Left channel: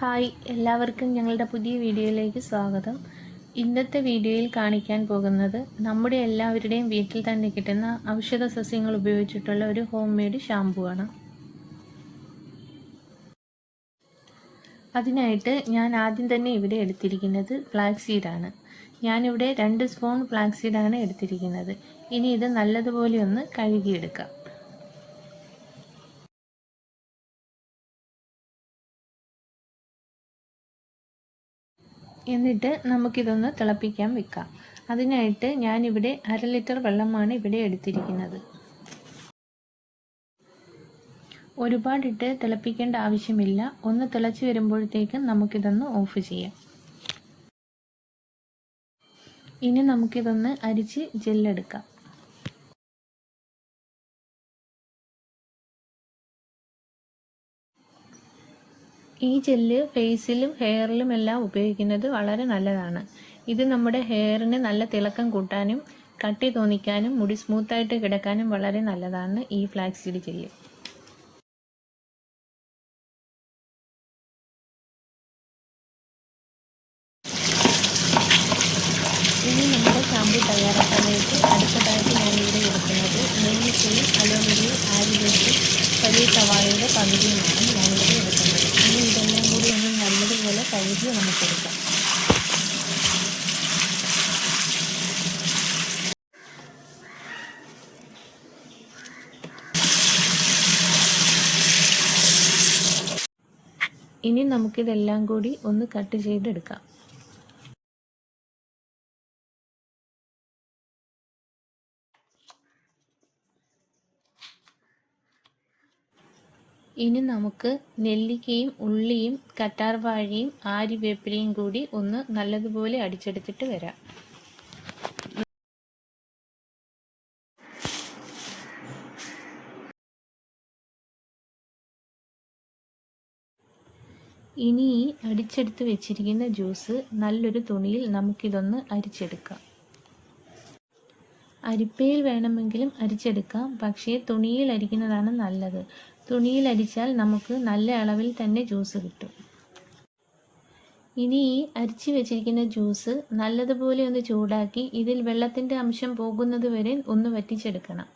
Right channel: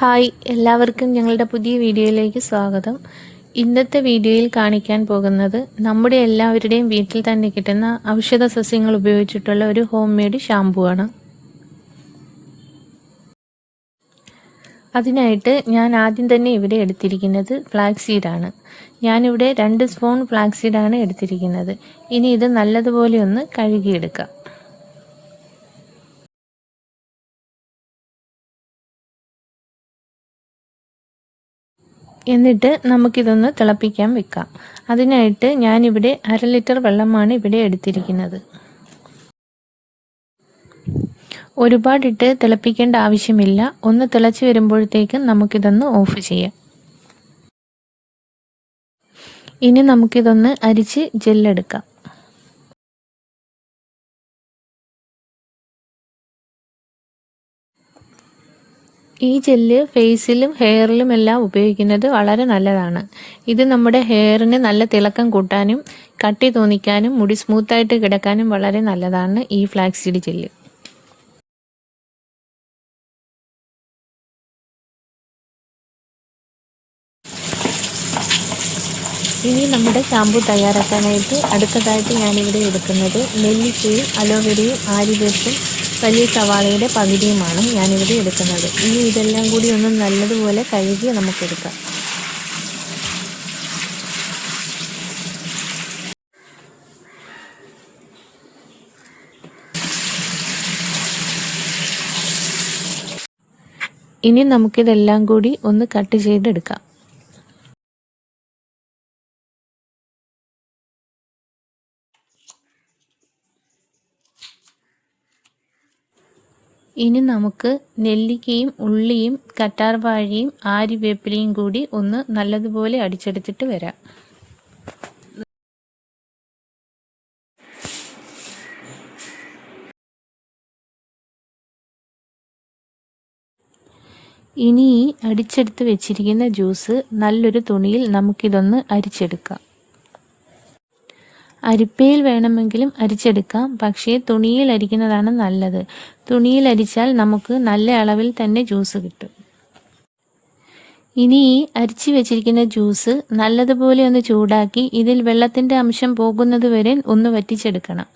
Hi, എല്ലാവർക്കും ഞങ്ങളുടെ പുതിയ വീഡിയോയിലേക്ക് സ്വാഗതം. ഇന്നത്തെ വീഡിയോയിൽ കാണിക്കാൻ പോകുന്നത് നമ്മുടെ എല്ലാവരുടെയും വീട്ടിൽ തന്നെ കിട്ടുന്ന ഔഷധ സസ്യങ്ങൾ ഉപയോഗിച്ചിട്ടുള്ള ഒരു ഹോം മെയ്ഡ് ഷാമ്പു ആണ്. അതിനായിട്ട് ഞാൻ ആദ്യം തന്നെ ഇവിടെ എടുത്തിരിക്കുന്നത് ഫ്ലാക്സീഡാണ്. ഞാനിവിടെ 2 സ്പൂൺ ഫ്ലാക്സീഡാണ് എടുത്തിരിക്കുന്നത്. ഇനി ഇത് നല്ലതുപോലെ ഒന്ന് കഴുകിയെടുക്കാം. എന്നിട്ട് നമുക്കിതൊന്ന് തിളപ്പിക്കാൻ വെക്കാം. അതിനായിട്ട് ഞാനിവിടെ 1/2 ലിറ്റർ വെള്ളമാണ് ഇവിടെ എടുത്തിരിക്കുന്നത്. ഒരുപാടിട്ട് തിളപ്പിക്കേണ്ട ആവശ്യമില്ല. ഒന്ന് തിളച്ച് വരുമ്പോഴത്തേക്കും നമുക്കിതൊന്ന് ഓഫ് ചെയ്യാം. ഇനി നമുക്കിതൊന്ന് അരിച്ച് ജെല്ലെടുക്കാം. ഈ ജെല്ല് ഫേസിലും ഹെയറിലും എല്ലാം ഉപയോഗിക്കുന്നത് വളരെ നല്ലതാണ്. ഇത് നമ്മുടെ ഹെയറിന് നല്ല തിളക്കം കൂട്ടാനും കട്ടി തോന്നിക്കാനും മുടി സ്മൂത്തായിട്ട് കിടക്കാനും വളരെ നല്ലതാണ് ഈ ഫ്ലാക്സീഡ് ജെല്ല്. ഇനി നമ്മുടെ ഷാമ്പു തയ്യാറാക്കാനായിട്ട് അടുത്തതായിട്ട് ഞാനിവിടെ എടുക്കുന്നത് നെല്ലിക്കയും അലോവേരയും ആര്യവേപ്പും വലിയ സവാളയുടെ പകുതിയുമാണ് ഞാനിവിടെ എടുക്കുന്നത്. ഇനി ഇതെല്ലാം കൂടി ഒന്ന് നല്ലതുപോലെ കഴുകി നമുക്കെടുക്കാം. ഇനി നമുക്കിതെല്ലാം കൂടി ഒന്ന് കട്ട് ചെയ്തെടുക്കാം. ഇനി നമുക്ക് നെല്ലിക്കയും ഉള്ളിയും കറ്റാർവാഴയും ആര്യവേപ്പിലയും കൂടി ഒന്ന് നല്ലതുപോലെ അടിച്ചെടുത്തിട്ട് വരാം. ഇനി ഈ അടിച്ചെടുത്ത് വെച്ചിരിക്കുന്ന ജ്യൂസ് നല്ലൊരു തുണിയിൽ നമുക്കിതൊന്ന് അരിച്ചെടുക്കാം. അരിപ്പയിൽ വേണമെങ്കിലും അരിച്ചെടുക്കാം, പക്ഷേ തുണിയിൽ അരിക്കുന്നതാണ് നല്ലത്. തുണിയിൽ അരിച്ചാൽ നമുക്ക് നല്ല അളവിൽ തന്നെ ജ്യൂസ് കിട്ടും. ഇനി ഈ അരിച്ചു വെച്ചിരിക്കുന്ന ജ്യൂസ് നല്ലതുപോലെ ഒന്ന് ചൂടാക്കി ഇതിൽ വെള്ളത്തിൻ്റെ അംശം പോകുന്നത് വരെ ഒന്ന് വറ്റിച്ചെടുക്കണം.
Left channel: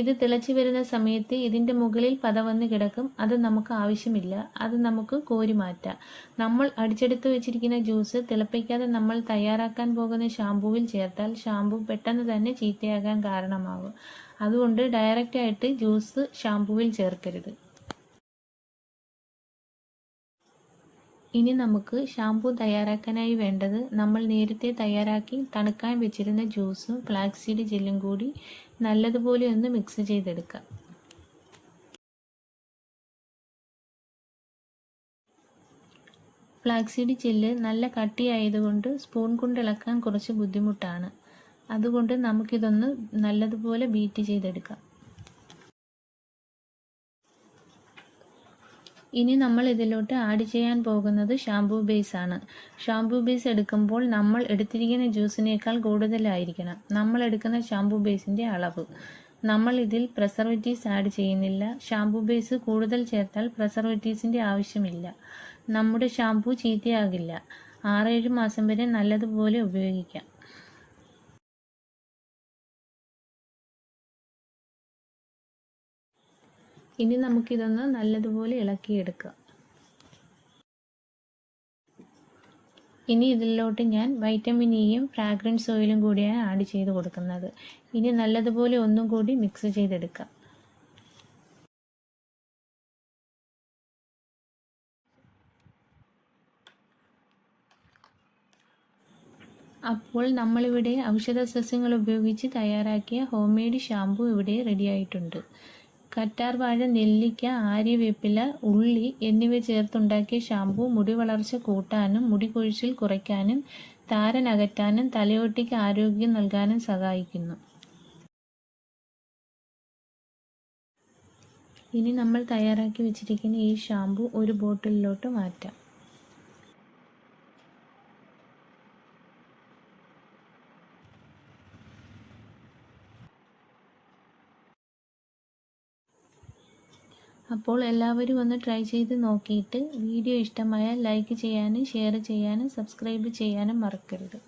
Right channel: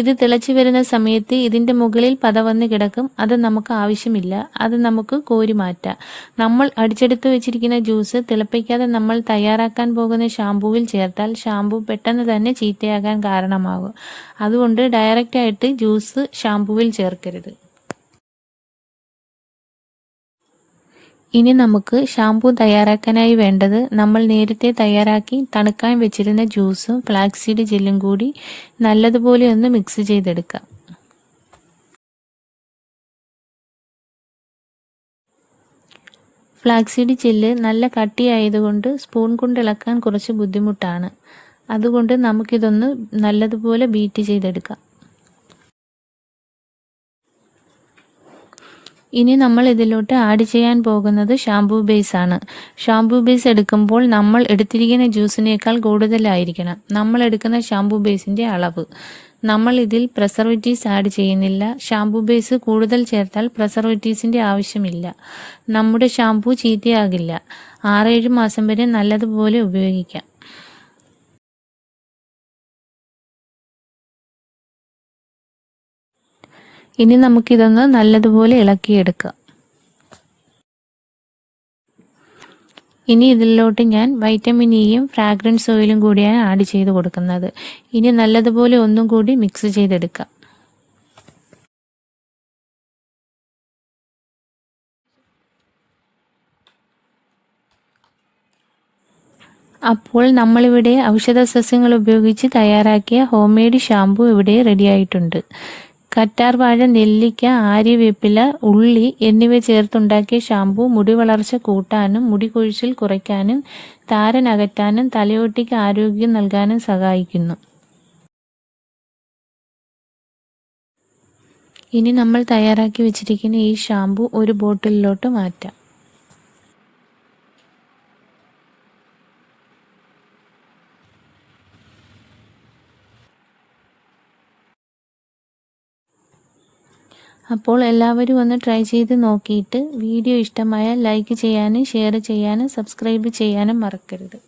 ഇത് തിളച്ചു വരുന്ന സമയത്ത് ഇതിൻ്റെ മുകളിൽ പത വന്ന് കിടക്കും. അത് നമുക്ക് ആവശ്യമില്ല. അത് നമുക്ക് കോരി മാറ്റാം. നമ്മൾ അടിച്ചെടുത്ത് വെച്ചിരിക്കുന്ന ജ്യൂസ് തിളപ്പിക്കാതെ നമ്മൾ തയ്യാറാക്കാൻ പോകുന്ന ഷാമ്പൂവിൽ ചേർത്താൽ ഷാമ്പൂ പെട്ടെന്ന് തന്നെ ചീത്തയാകാൻ കാരണമാകും. അതുകൊണ്ട് ഡയറക്റ്റായിട്ട് ജ്യൂസ് ഷാമ്പൂവിൽ ചേർക്കരുത്. ഇനി നമുക്ക് ഷാമ്പൂ തയ്യാറാക്കാനായി വേണ്ടത് നമ്മൾ നേരത്തെ തയ്യാറാക്കി തണുക്കാൻ വെച്ചിരുന്ന ജ്യൂസും ഫ്ലാക്സീഡ് ജെല്ലും കൂടി നല്ലതുപോലെ ഒന്ന് മിക്സ് ചെയ്തെടുക്കാം. ഫ്ലാക്സീഡ് ജെല്ല് നല്ല കട്ടിയായതുകൊണ്ട് സ്പൂൺ കൊണ്ട് ഇളക്കാൻ കുറച്ച് ബുദ്ധിമുട്ടാണ്. അതുകൊണ്ട് നമുക്കിതൊന്ന് നല്ലതുപോലെ ബീറ്റ് ചെയ്തെടുക്കാം. ഇനി നമ്മൾ ഇതിലോട്ട് ആഡ് ചെയ്യാൻ പോകുന്നത് ഷാമ്പൂ ബേസ് ആണ്. ഷാമ്പൂ ബേസ് എടുക്കുമ്പോൾ നമ്മൾ എടുത്തിരിക്കുന്ന ജ്യൂസിനേക്കാൾ കൂടുതലായിരിക്കണം നമ്മൾ എടുക്കുന്ന ഷാമ്പൂ ബേസിൻ്റെ അളവ്. നമ്മൾ ഇതിൽ പ്രിസർവേറ്റീവ്സ് ആഡ് ചെയ്യുന്നില്ല. ഷാമ്പൂ ബേസ് കൂടുതൽ ചേർത്താൽ പ്രിസർവേറ്റീവ്സിൻ്റെ ആവശ്യമില്ല. നമ്മുടെ ഷാമ്പൂ ചീത്തയാകില്ല. 6-7 മാസം വരെ നല്ലതുപോലെ ഉപയോഗിക്കാം. ഇനി നമുക്കിതൊന്ന് നല്ലതുപോലെ ഇളക്കിയെടുക്കാം. ഇനി ഇതിലോട്ട് ഞാൻ വൈറ്റമിൻ ഇയും ഫ്രാഗ്രൻസ് ഓയിലും കൂടിയാണ് ആഡ് ചെയ്ത് കൊടുക്കുന്നത്. ഇനി നല്ലതുപോലെ ഒന്നും കൂടി മിക്സ് ചെയ്തെടുക്കാം. അപ്പോൾ നമ്മളിവിടെ ഔഷധ സസ്യങ്ങൾ ഉപയോഗിച്ച് തയ്യാറാക്കിയ ഹോം മെയ്ഡ് ഷാമ്പു ഇവിടെ റെഡിയായിട്ടുണ്ട്. കറ്റാർവാഴ, നെല്ലിക്ക, ആര്യവേപ്പില, ഉള്ളി എന്നിവ ചേർത്തുണ്ടാക്കിയ ഷാമ്പു മുടി വളർച്ച കൂട്ടാനും മുടി കൊഴിച്ചിൽ കുറയ്ക്കാനും താരൻ അകറ്റാനും തലയോട്ടിക്ക് ആരോഗ്യം നൽകാനും സഹായിക്കുന്നു. ഇനി നമ്മൾ തയ്യാറാക്കി വെച്ചിരിക്കുന്ന ഈ ഷാമ്പു ഒരു ബോട്ടിലിലോട്ട് മാറ്റാം. അപ്പോൾ എല്ലാവരും ഒന്ന് ട്രൈ ചെയ്ത് നോക്കിയിട്ട് വീഡിയോ ഇഷ്ടമായാൽ ലൈക്ക് ചെയ്യാനും ഷെയർ ചെയ്യാനും സബ്സ്ക്രൈബ് ചെയ്യാനും മറക്കരുത്.